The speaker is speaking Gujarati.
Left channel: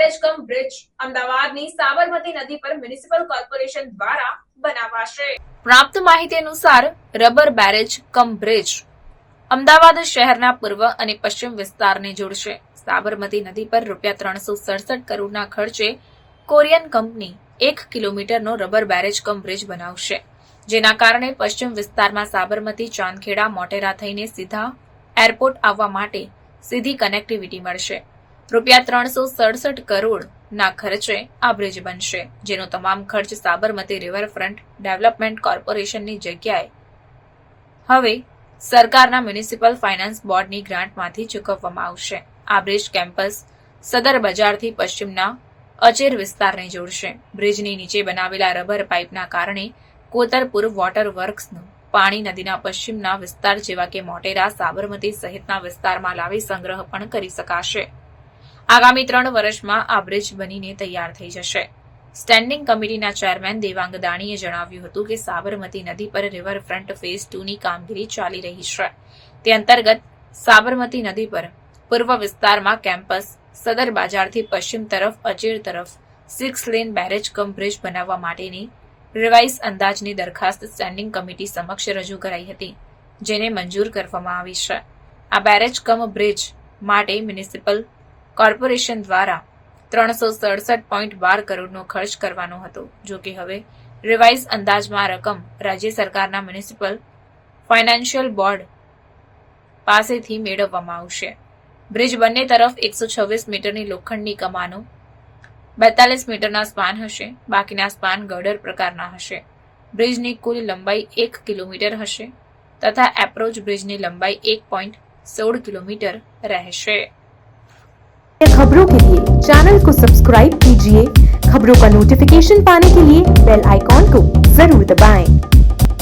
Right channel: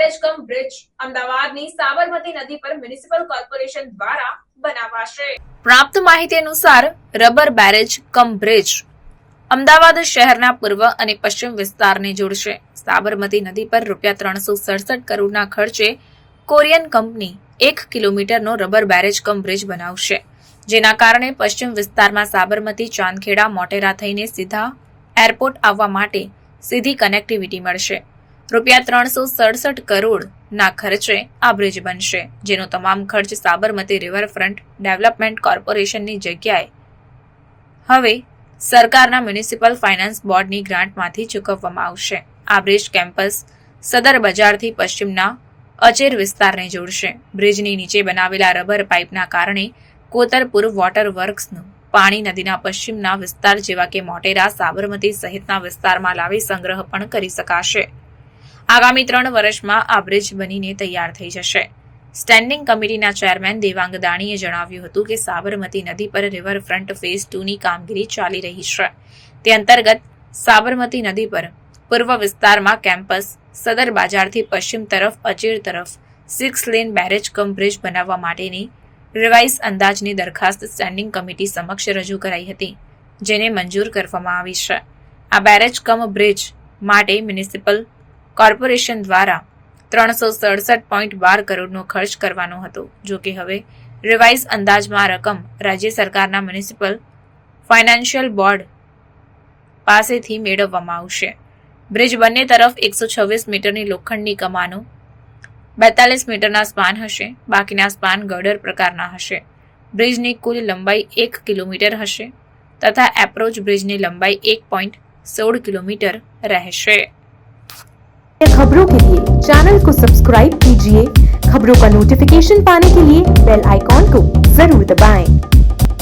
બેરેજ કમ બ્રિજ અમદાવાદની સાબરમતી નદી પર મ્યુનિસિપલ કોર્પોરેશન દ્વારા બનાવાશે। પ્રાપ્ત માહિતી અનુસાર રબર બેરેજ કમ બ્રિજ અમદાવાદ શહેરના પૂર્વ અને પશ્ચિમ વિસ્તારને જોડશે। સાબરમતી નદી પર ₹367 કરોડના ખર્ચે કોરિયન કંપની 1 કિલોમીટરનો રબર બેરેજ કમ બ્રિજ બનાવશે, જેના કારણે પશ્ચિમ વિસ્તારમાં સાબરમતી, ચાંદખેડા, મોટેરા થઈને સીધા એરપોર્ટ આવવા માટે સીધી કનેક્ટિવિટી મળશે। ₹367 કરોડના ખર્ચે આ બ્રિજ બનશે, જેનો તમામ ખર્ચ સાબરમતી રિવરફ્રન્ટ ડેવલપમેન્ટ કોર્પોરેશનની જગ્યાએ હવે સરકારના મ્યુનિસિપલ ફાઇનાન્સ બોર્ડની ગ્રાન્ટમાંથી ચૂકવવામાં આવશે। આ બ્રિજ કેમ્પસ સદર બજારથી પશ્ચિમના અચેર વિસ્તારને જોડશે। બ્રિજની નીચે બનાવેલા રબર પાઇપના કારણે કોતરપુર વોટર વર્ક્સનું પાણી નદીના પશ્ચિમના વિસ્તાર જેવા કે મોટેરા, સાબરમતી સહિતના વિસ્તારમાં લાવી સંગ્રહ પણ કરી શકાશે। આગામી 3 વર્ષમાં આ બ્રિજ બનીને તૈયાર થઈ જશે। સ્ટેન્ડિંગ કમિટીના ચેરમેન દેવાંગ દાણીએ જણાવ્યું હતું કે સાબરમતી નદી પર રિવરફ્રન્ટ ફેઝ 2ની કામગીરી ચાલી રહી છે। તે અંતર્ગત સાબરમતી નદી પર પૂર્વ વિસ્તારમાં કેમ્પસ સદર બાજારથી પશ્ચિમ તરફ અચેર તરફ 6 લેન બેરેજ કમ બ્રિજ બનાવવા માટેની રિવાઇઝ અંદાજની દરખાસ્ત સ્ટેન્ડિંગ કમિટી સમક્ષ રજૂ કરાઈ હતી, જેને મંજૂર કરવામાં આવી છે। આ બેરેજ કમ બ્રિજ માટે મ્યુનિસિપલ કોર્પોરેશન દ્વારા 367.12 કરોડનો ખર્ચ કરવાનો હતો। જો કે હવે રિવાઇઝ અંદાજમાં આ રકમ રાજ્ય સરકારના મ્યુનિસિપલ ફાઇનાન્શિયલ બોર્ડ પાસેથી મેળવવામાં આવશે। બ્રિજ બંને તરફ 126 મીટરની લોખંડની કમાનો, 42 મીટરના સ્પાન હશે। બાકીના સ્પાન ગર્ડર પ્રકારના હશે। બ્રિજની કુલ લંબાઈ 1 કિલોમીટર હશે તથા એપ્રોચ બ્રિજની લંબાઈ 1.16 किलोमीटर રહેશે। खबरों के लिए चैनल को सब्सक्राइब कीजिए। खबरों का नोटिफिकेशन पाने के लिए बेल आइकॉन को जरूर दबाएं।